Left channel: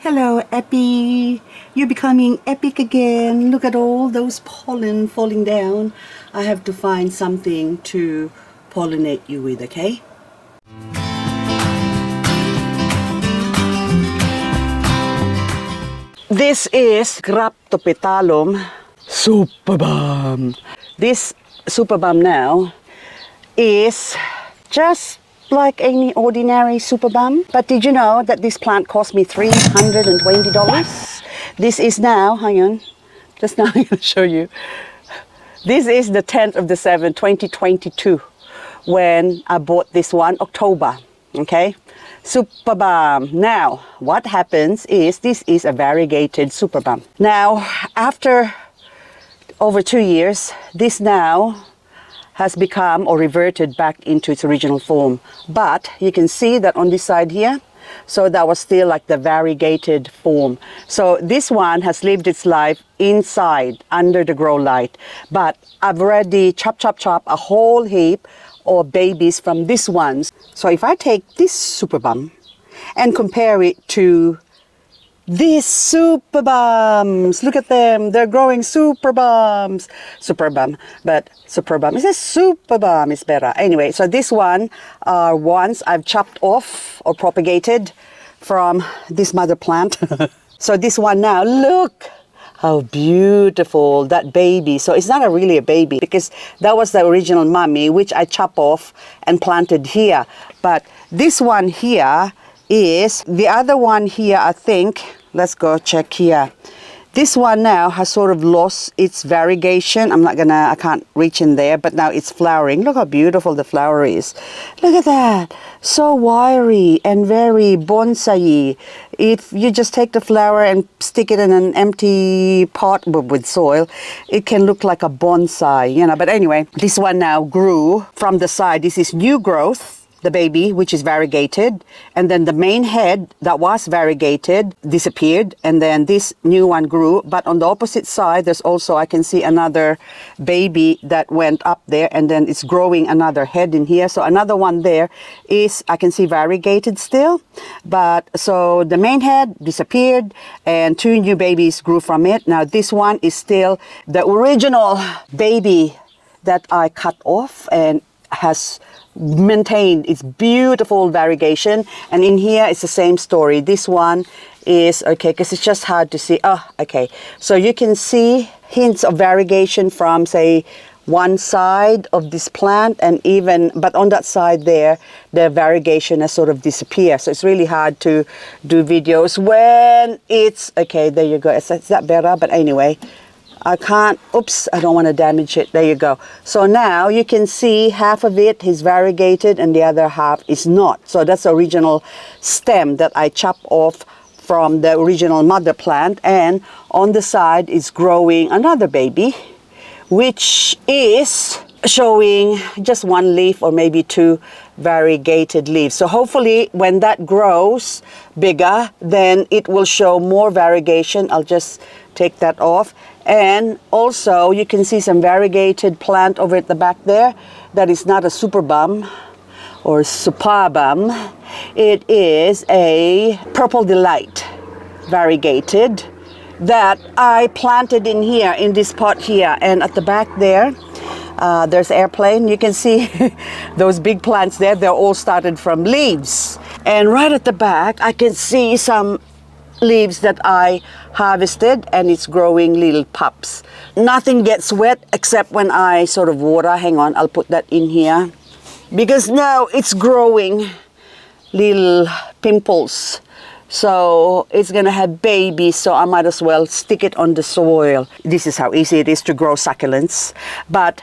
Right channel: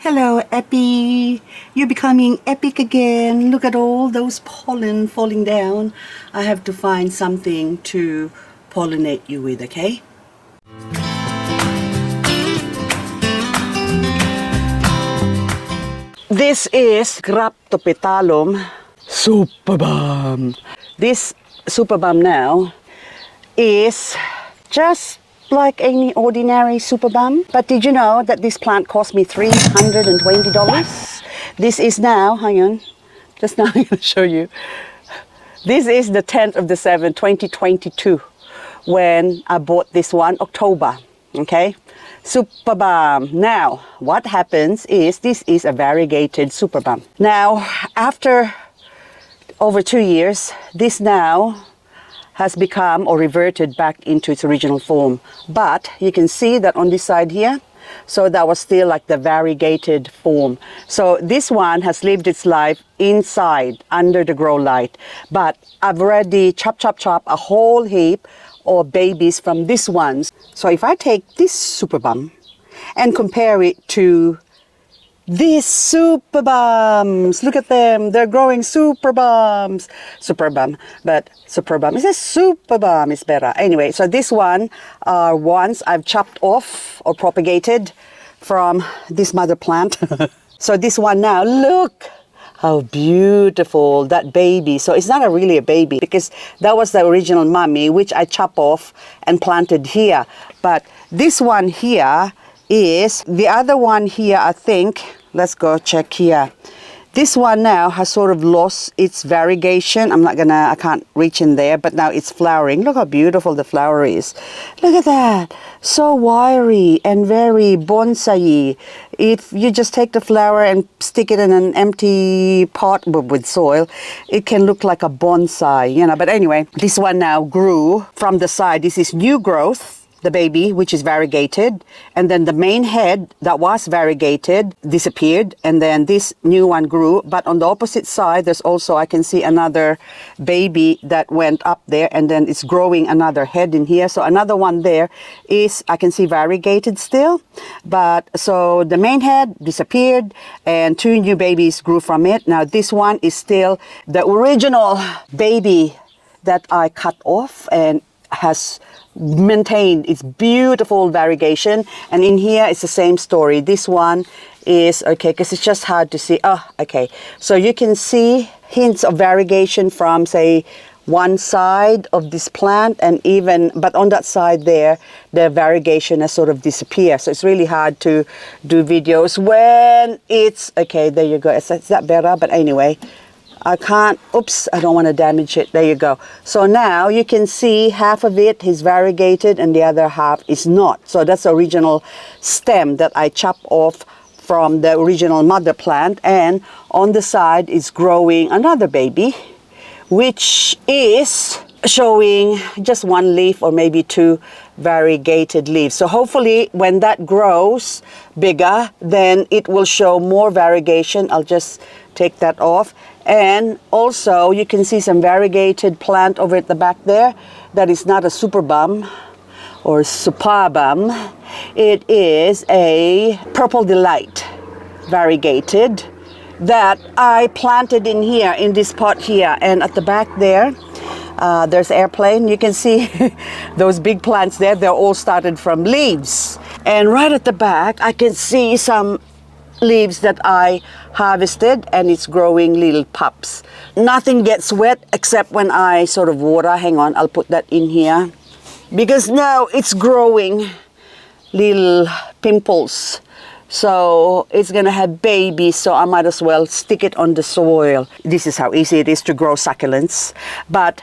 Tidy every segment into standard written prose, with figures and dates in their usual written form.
Hello, Epi. You're becoming epic again. Look at all those pollen falling down. I have to find something to pollinate you with, okay? This is Graptopetalum Superbum. This Superbum now is just like any ordinary Superbum. But did you know that this plant cost me $320? This is now, hang on, just now I'll show you. This is the 10th of the 7th, 2022, when I bought this one, October, okay? Superbum. Now, what happens is this is a variegated Superbum. Now, after over 2 years, this now has become or reverted back into its original form. But you can see that on this side here, so that was still like the variegated form. So this one has lived its life inside under the grow light. But I've already chop a whole heap of babies from this one. So if I take this Superbum and compare it to these Superbums, look at them, they're growing Superbums. Superbum, but Superbum is a Superbum is better. Anyway, so this one are ones I've chopped off or propagated from this mother plant. So this one now, look how beautiful that baby. So it's not really a baby because that was the original mommy, which I chop off and planted here. But this one here is the other one here, I think. Let's go check here. This one now has sort of lost its variegation. I can't reach in there, but now it's flowering. Look how beautiful the flower is. Look at that. So wiry and very bonsai. If you just take the flower and stick it in an empty pot with soil, it can look like a bonsai, you know. But anyway, this one now grew from the side. This is new growth, the baby, which is variegated, and then the main head that was variegated disappeared, and then this new one grew. But on the opposite side, there's also, I can see another baby that went up there, and then it's growing another head in here. So another one there is, I can see variegated still, but so the main head disappeared and two new babies grew from it. Now this one is still the original baby that I cut off and has maintained its beautiful variegation. And in here it's the same story. This one is okay because it's just hard to see. Oh, okay, so you can see hints of variegation from, say, one side of this plant, and even but on that side there the variegation has sort of disappeared. So it's really hard to do videos when it's okay. There you go. Is that better? But anyway, I can't, oops, I don't want to damage it. There you go. So now you can see half of it is variegated and the other half is not. So that's the original stem that I chopped off from the original mother plant. And on the side is growing another baby, which is showing just one leaf or maybe two variegated leaves. So hopefully when that grows bigger, then it will show more variegation. I'll just take that off. And also you can see some variegated plant over at the back there. That is not a Superbum or Superbum. It is a Purple Delight variegated that I planted in here, in this pot here. And at the back there, there's airplane. You can see those big plants there. They're all started from leaves. And right at the back, I can see some leaves that I harvested, and it's growing little pups. Nothing gets wet except when I sort of water. Hang on, I'll put that in here. Because now it's growing little pimples. So it's gonna have babies, so I might as well stick it on the soil. This is how easy it is to grow succulents. But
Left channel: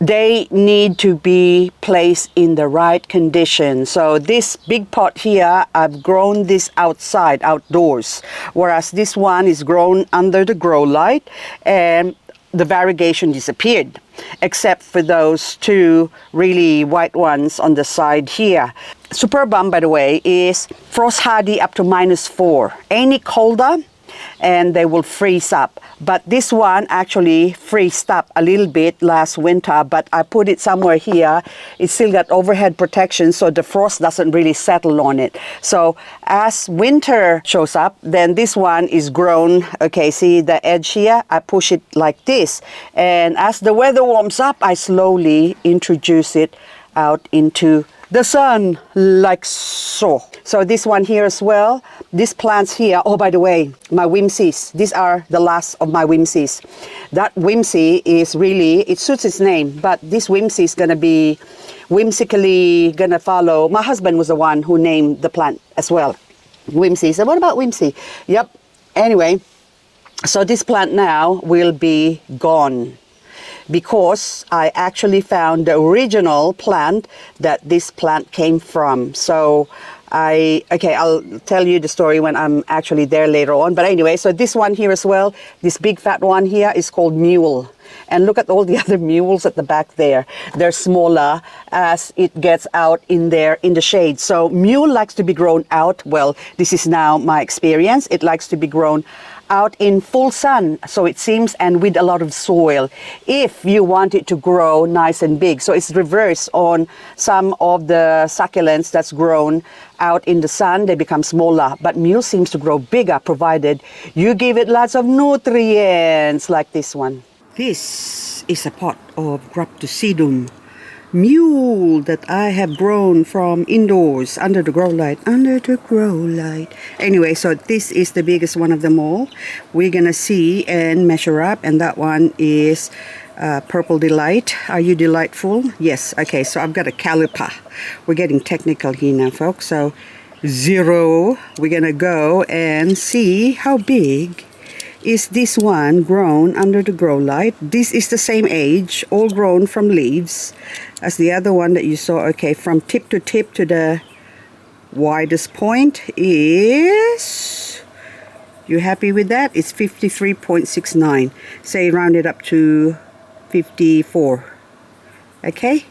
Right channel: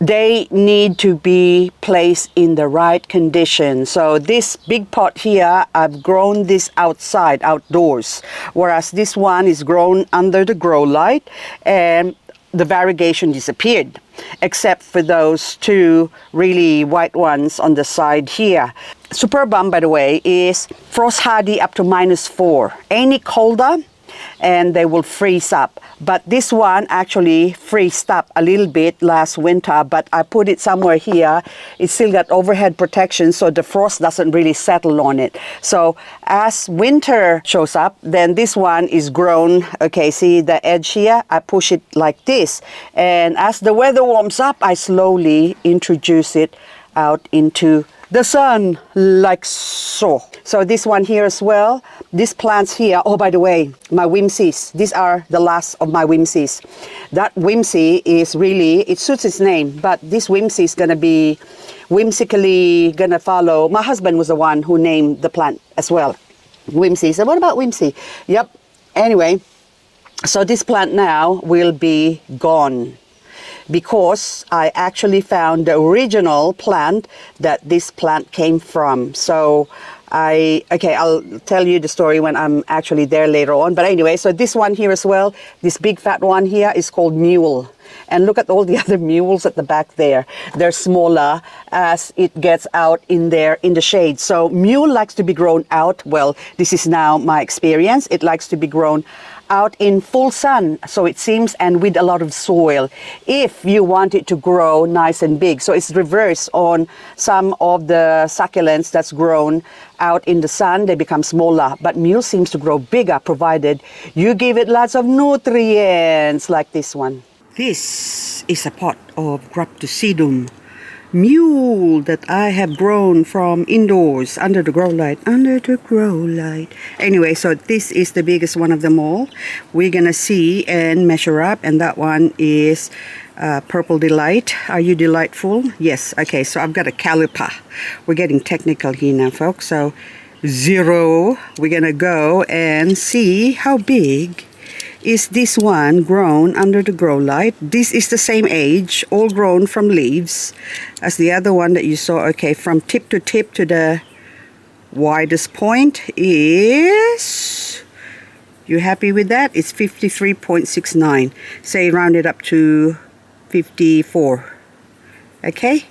they need to be placed in the right condition. So this big pot here, I've grown this outside, outdoors, whereas this one is grown under the grow light, and the variegation disappeared, except for those two really white ones on the side here. Superbum, by the way, is frost hardy up to -4. Any colder, and they will freeze up. But this one actually freezed up a little bit last winter, but I put it somewhere here. It's still got overhead protection, so the frost doesn't really settle on it. So as winter shows up, then this one is grown. Okay, see the edge here? I push it like this. And as the weather warms up, I slowly introduce it out into the sun, like so. So this one here as well. These plants here, oh, by the way, my whimsies. These are the last of my whimsies. That whimsy is really, it suits its name, but this whimsy is gonna be whimsically gonna follow. My husband was the one who named the plant as well. Whimsy. So what about whimsy? Yep. Anyway, so this plant now will be gone, because I actually found the original plant that this plant came from. So I'll tell you the story when I'm actually there later on. But anyway, so this one here as well, this big fat one here is called Muil. And look at all the other mules at the back there. They're smaller as it gets out in there in the shade. So Muil likes to be grown out. Well, this is now my experience. It likes to be grown out in full sun, so it seems, and with a lot of soil, if you want it to grow nice and big. So it's reverse on some of the succulents that's grown out in the sun. They become smaller, but Muil seems to grow bigger provided you give it lots of nutrients like this one. This is a pot of Graptosedum Muil that I have grown from indoors under the grow light. Anyway, so this is the biggest one of them all. We're gonna see and measure up, and that one is Purple Delight. Are you delightful? Yes. Okay, so I've got a caliper. We're getting technical here now, folks. So 0, we're gonna go and see how big is this one grown under the grow light. This is the same age, all grown from leaves as the other one that you saw. Okay, from tip to the widest point is, you happy with that? It's 53.69. Say round it up to 54. Okay,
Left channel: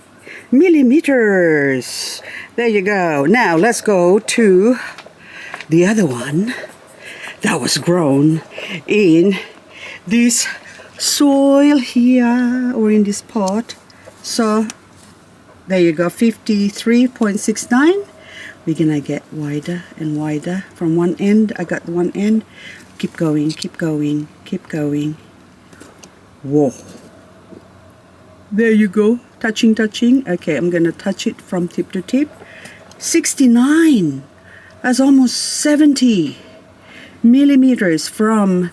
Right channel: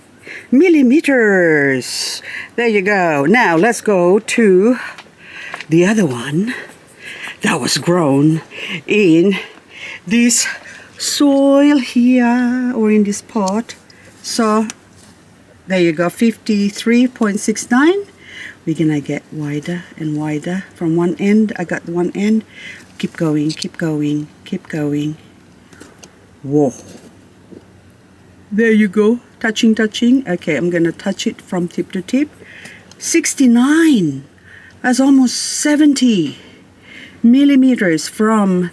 millimeters. There you go. Now let's go to the other one that was grown in this soil here, or in this pot. So there you go, 53.69. We're gonna get wider and wider from one end. I got one end. Keep going, keep going, keep going. Whoa. There you go, touching. Okay, I'm gonna touch it from tip to tip. 69. That's almost 70 millimeters from,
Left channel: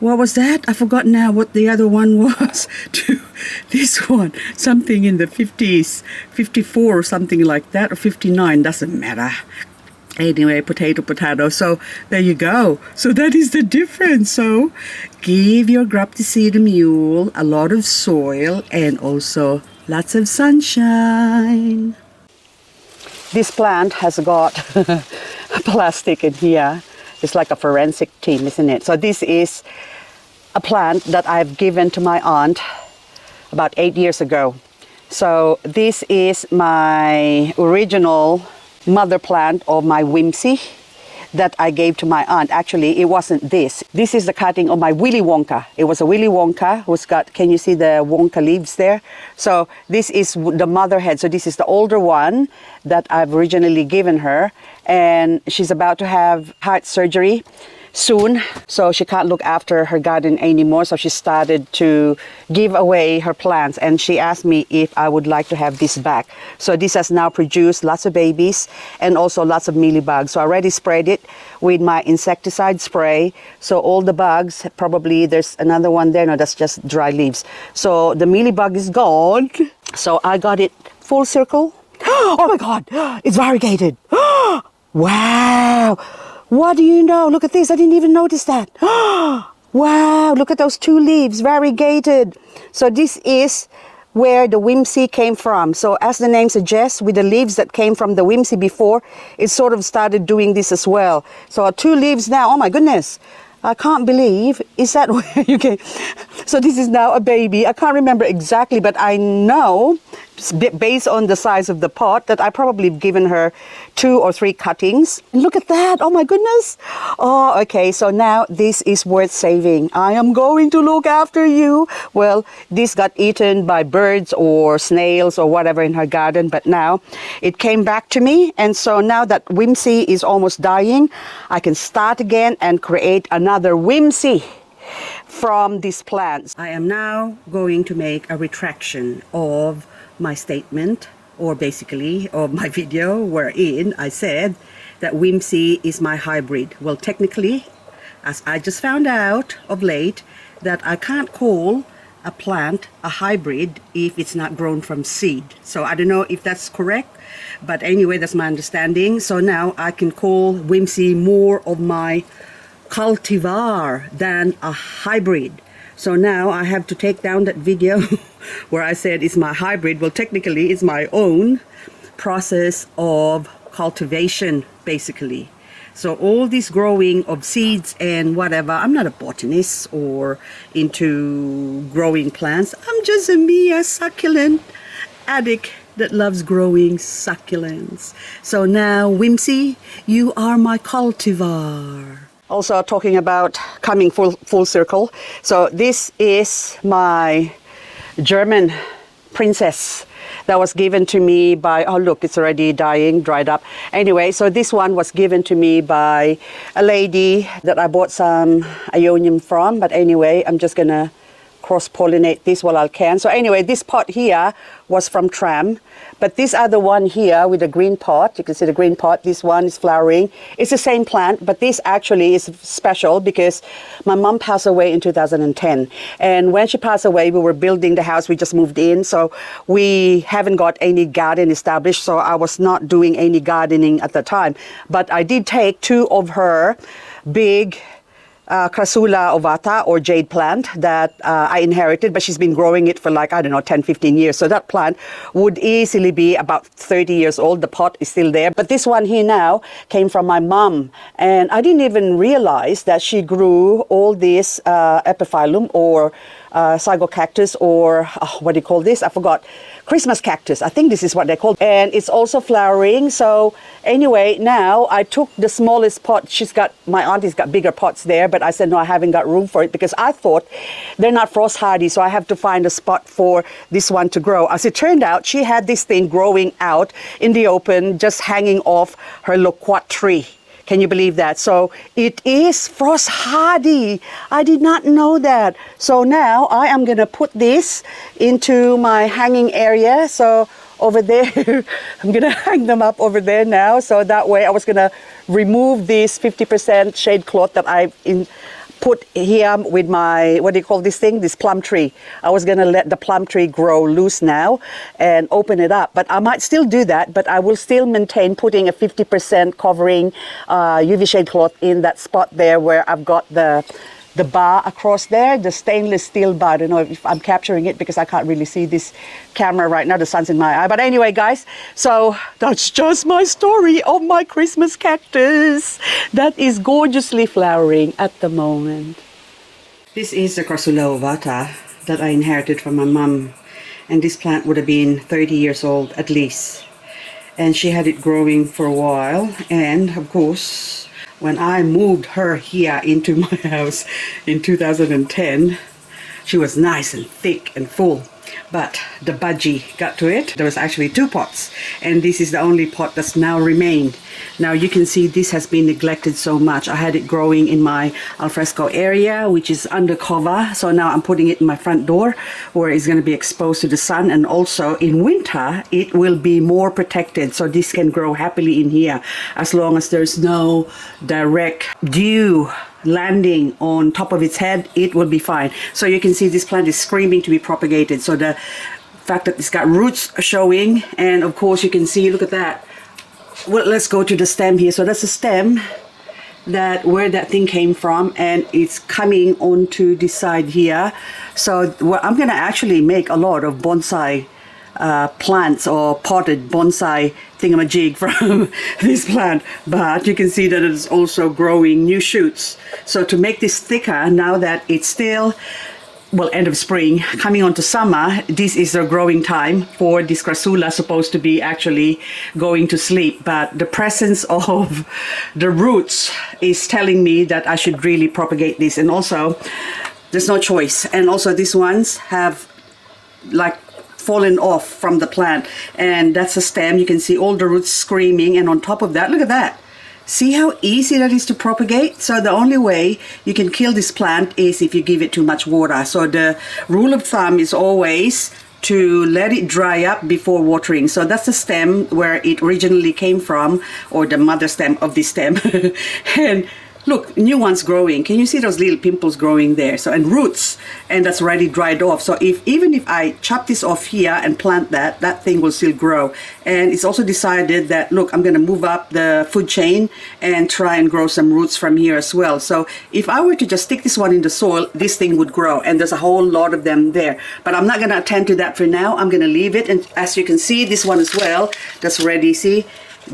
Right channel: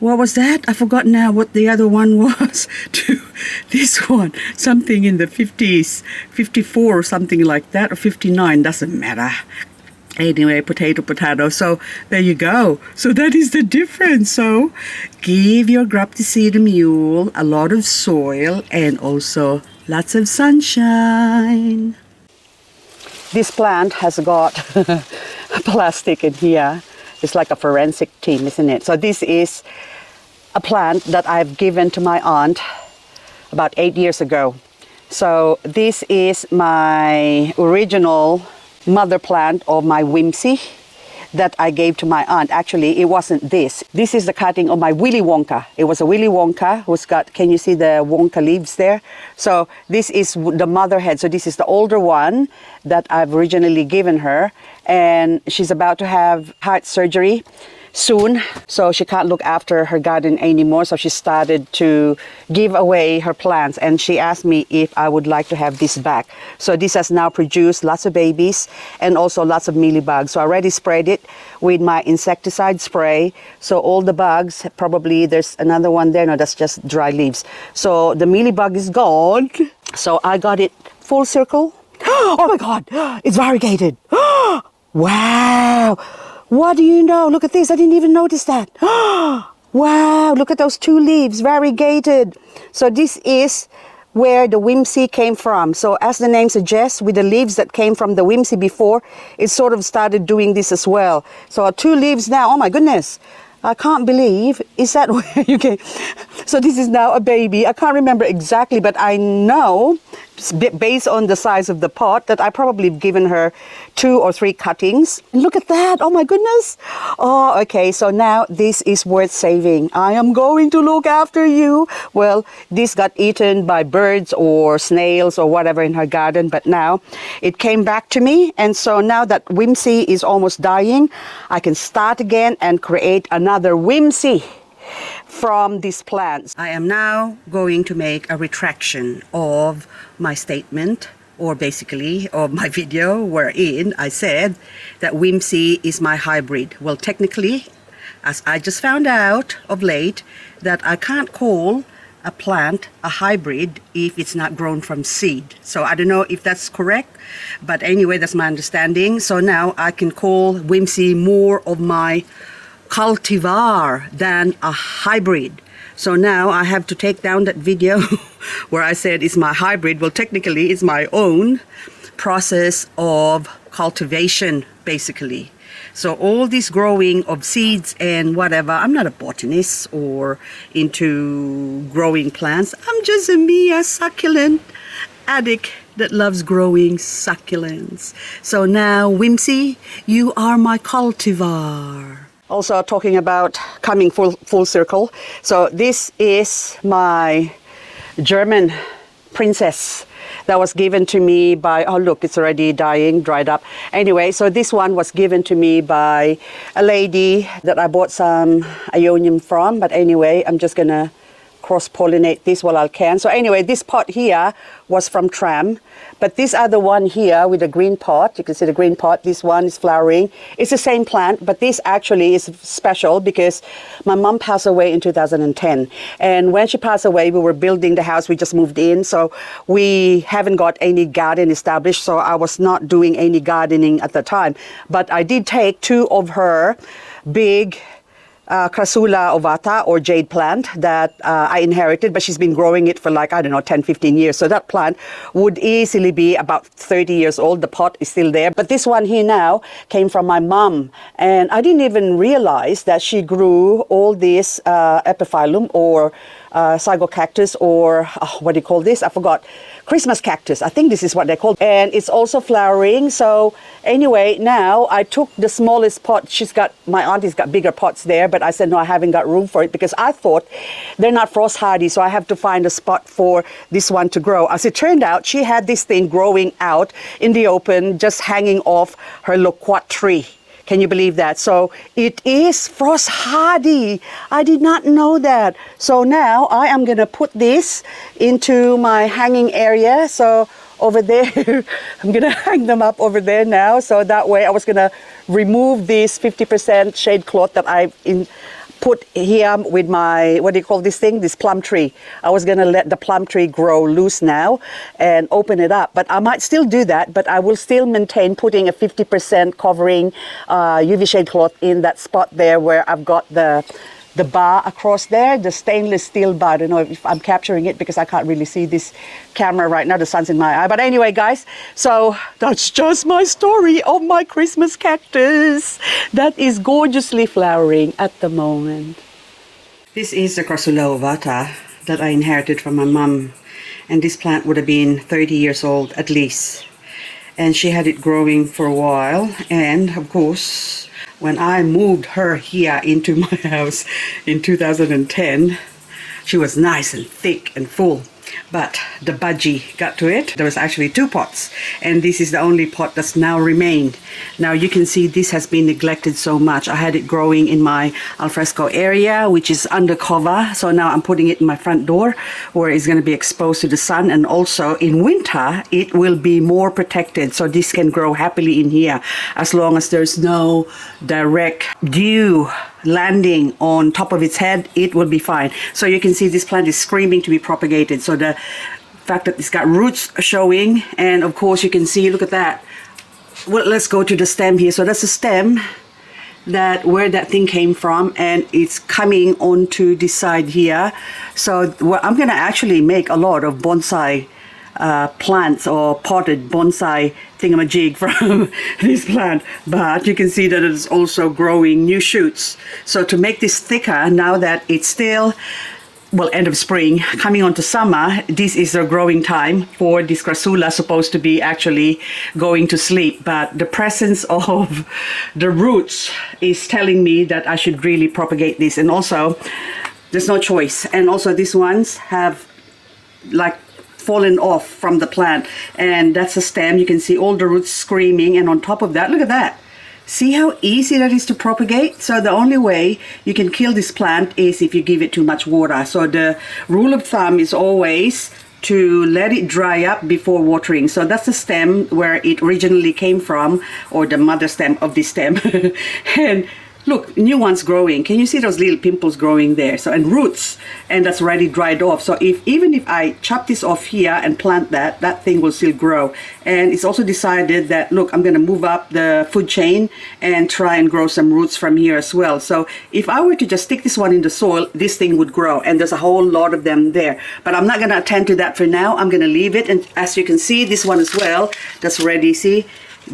what was that? I forgot now what the other one was, to this one. Something in the 50s, 54 or something like that, or 59, doesn't matter. Anyway, potato. So there you go. So that is the difference. So give your Graptosedum Muil a lot of soil and also lots of sunshine. This plant has got plastic in here. It's like a forensic team, isn't it? So this is a plant that I've given to my aunt about 8 years ago. So this is my original mother plant of my whimsy that I gave to my aunt. Actually, it wasn't this. This is the cutting of my Willie Wonker. It was a Willie Wonker who's got, can you see the Wonker leaves there? So this is the mother head. So this is the older one that I've originally given her. And she's about to have heart surgery soon, so she can't look after her garden anymore. So she started to give away her plants, and she asked me if I would like to have this back. So this has now produced lots of babies and also lots of mealybugs. So I already sprayed it with my insecticide spray. So all the bugs, probably there's another one there. No, that's just dry leaves. So the mealybug is gone. So I got it full circle. Oh my God, it's variegated. Wow. What do you know? Look at this. I didn't even notice that. Wow. Look at those 2 leaves. Variegated. So this is where the whimsy came from. So as the name suggests, with the leaves that came from the whimsy before, it sort of started doing this as well. So 2 leaves now. Oh my goodness. I can't believe. Is that where you can? So this is now a baby. I can't remember exactly, but I know based on the size of the pot that I probably have given her 2 or 3 cuttings. Look at that. Oh my goodness. Oh, okay. So now this is worth saving. I am going to look after you. Well, this got eaten by birds or snails or whatever in her garden, but now it came back to me. And so now that Whimsy is almost dying, I can start again and create another Whimsy from these plants. I am now going to make a retraction of my statement, or basically of my video wherein I said that Whimsy is my hybrid. Well, technically, as I just found out of late, that I can't call a plant a hybrid if it's not grown from seed. So I don't know if that's correct, but anyway, that's my understanding. So now I can call Whimsy more of my cultivar than a hybrid. So now I have to take down that video where I said it's my hybrid. Well, technically it's my own process of cultivation, basically. So all this growing of seeds and whatever, I'm not a botanist or into growing plants. I'm just a succulent addict that loves growing succulents. So now, Whimsy, you are my cultivar. Also talking about coming full circle. So this is my German princess that was given to me by, oh look, it's already dying, dried up. Anyway, so this one was given to me by a lady that I bought some Ionium from. But anyway, I'm just gonna cross-pollinate this while I can. So anyway, this pot here was from Tram. But this other one here with the green pot, you can see the green pot, this one is flowering. It's the same plant, but this actually is special because my mom passed away in 2010. And when she passed away, we were building the house, we just moved in. So we haven't got any garden established. So I was not doing any gardening at the time. But I did take 2 of her big Crassula ovata or Jade plant that I inherited, but she's been growing it for like, I don't know, 10, 15 years. So that plant would easily be about 30 years old. The pot is still there. But this one here now came from my mom. And I didn't even realize that she grew all this epiphyllum or sago cactus or what do you call this? I forgot. Christmas cactus. I think this is what they're called. And it's also flowering. So anyway, now I took the smallest pot. My auntie's got bigger pots there, but I said, no, I haven't got room for it because I thought they're not frost hardy. So I have to find a spot for this one to grow. As it turned out, she had this thing growing out in the open, just hanging off her loquat tree. Can you believe that? So it is frost hardy. I did not know that. So now I am going to put this into my hanging area. So over there, I'm going to hang them up over there now. So that way I was going to remove this 50% shade cloth that I put here with my, what do you call this thing? This plum tree. I was going to let the plum tree grow loose now and open it up. But I might still do that, but I will still maintain putting a 50% covering UV shade cloth in that spot there where I've got the bar across there, the stainless steel bar. I don't know if I'm capturing it because I can't really see this camera right now. The sun's in my eye. But anyway, guys, so that's just my story of my Christmas cactus that is gorgeously flowering at the moment. This is the Crassula ovata that I inherited from my mom. And this plant would have been 30 years old at least. And she had it growing for a while. And of course, when I moved her here into my house in 2010, she was nice and thick and full. But the budgie got to it. There was actually 2 pots, and this is the only pot that's now remained. Now you can see this has been neglected so much. I had it growing in my alfresco area, which is undercover. So now I'm putting it in my front door where it's going to be exposed to the sun, and also in winter it will be more protected. So this can grow happily in here as long as there's no direct dew landing on top of its head. It will be fine. So you can see this plant is screaming to be propagated. So the fact that it's got roots showing, and of course you can see, look at that. Well, let's go to the stem here. So that's a stem that where that thing came from, and it's coming onto this side here. So well, I'm gonna actually make a lot of bonsai plants or potted bonsai thingamajig from this plant, but you can see that it is also growing new shoots. So to make this thicker, now that it's still well, end of spring, coming on to summer, this is the growing time for this Crassula, supposed to be actually going to sleep. But the presence of the roots is telling me that I should really propagate this. And also, there's no choice. And also these ones have like fallen off from the plant. And that's a stem. You can see all the roots screaming. And on top of that, look at that. See how easy that is to propagate? So the only way you can kill this plant is if you give it too much water. So the rule of thumb is always to let it dry up before watering. So that's the stem where it originally came from, or the mother stem of this stem. And look, new ones growing. Can you see those little pimples growing there? So, and roots, and that's already dried off. So even if I chop this off here and plant that thing will still grow. And it's also decided that, look, I'm going to move up the food chain and try and grow some roots from here as well. So if I were to just stick this one in the soil, this thing would grow. And there's a whole lot of them there. But I'm not going to attend to that for now. I'm going to leave it. And as you can see, this one as well, that's already, see,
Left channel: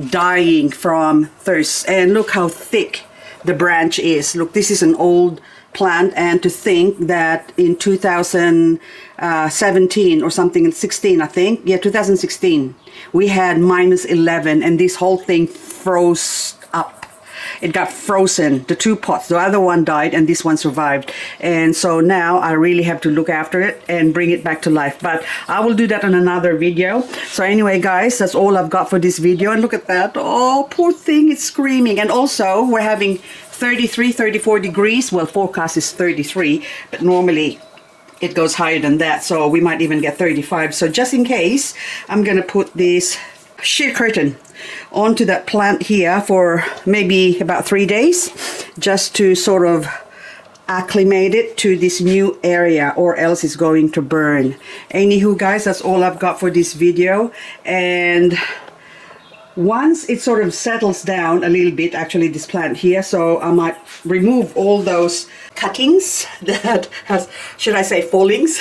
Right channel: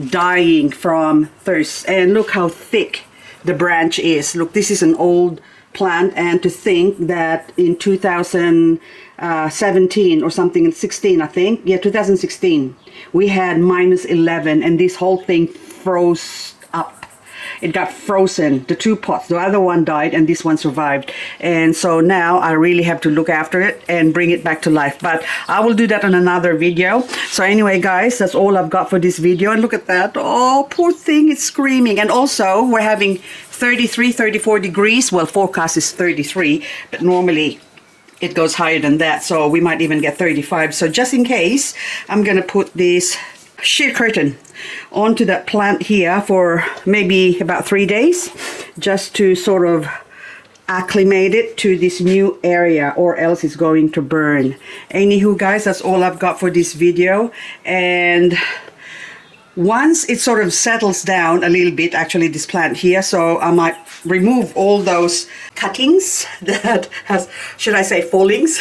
dying from thirst. And look how thick the branch is. Look, this is an old plant, and to think that in 2017 or something, in 16 I think, yeah, 2016, we had -11 and this whole thing froze up. It got frozen, the two pots. The other one died and this one survived. And so now I really have to look after it and bring it back to life. But I will do that on another video. So anyway, guys, that's all I've got for this video. And look at that. Oh, poor thing, it's screaming. And also, we're having 33, 34 degrees. Well, forecast is 33, but normally it goes higher than that. So we might even get 35. So just in case, I'm going to put this sheer curtain onto that plant here for maybe about 3 days, just to sort of acclimate it to this new area, or else it's going to burn. Anywho, guys, that's all I've got for this video. And once it sort of settles down a little bit, actually this plant here, so I might remove all those cuttings that has, should I say fallings,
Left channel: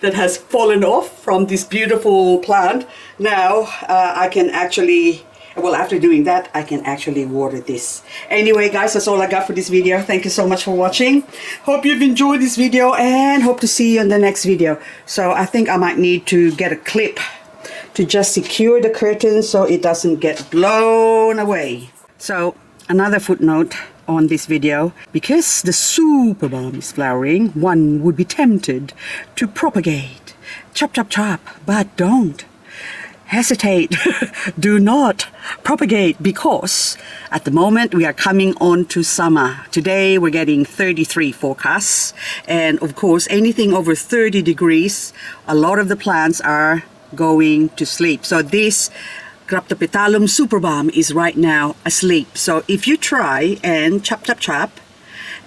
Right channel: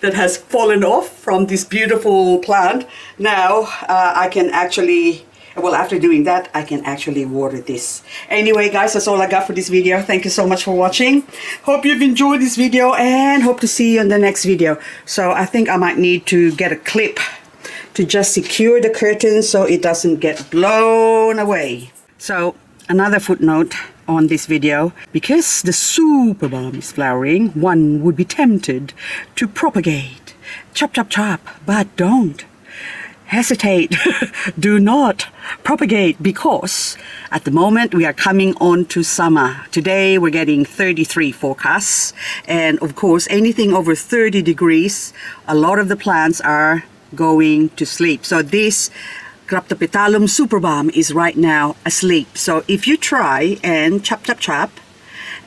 that has fallen off from this beautiful plant. Now I can actually, well, after doing that, I can actually water this. Anyway, guys, that's all I got for this video. Thank you so much for watching. Hope you've enjoyed this video and hope to see you in the next video. So I think I might need to get a clip to just secure the curtain so it doesn't get blown away. So another footnote on this video, because the Superbum is flowering, one would be tempted to propagate. Chop, chop, chop, but don't hesitate. Do not propagate, because at the moment we are coming on to summer. Today we're getting 33 forecasts, and of course anything over 30 degrees, a lot of the plants are going to sleep. So this Graptopetalum Superbum is right now asleep. So if you try and chop, chop, chop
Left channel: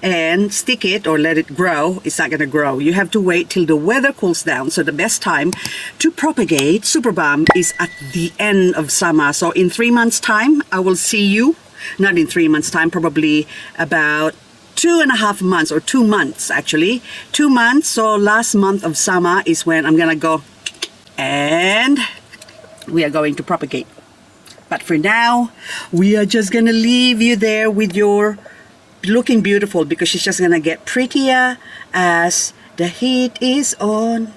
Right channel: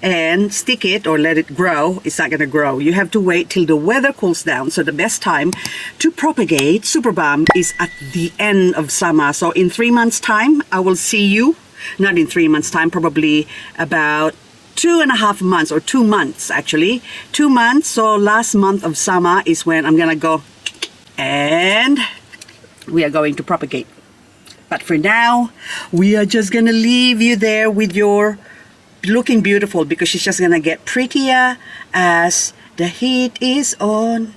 and stick it or let it grow, it's not going to grow. You have to wait till the weather cools down. So the best time to propagate Superbum is at the end of summer. So in 3 months time, I will see you, not in 3 months time, probably about 2.5 months, or 2 months actually. 2 months, so last month of summer is when I'm going to go and we are going to propagate. But for now, we are just going to leave you there with your looking beautiful, because she's just going to get prettier as the heat is on.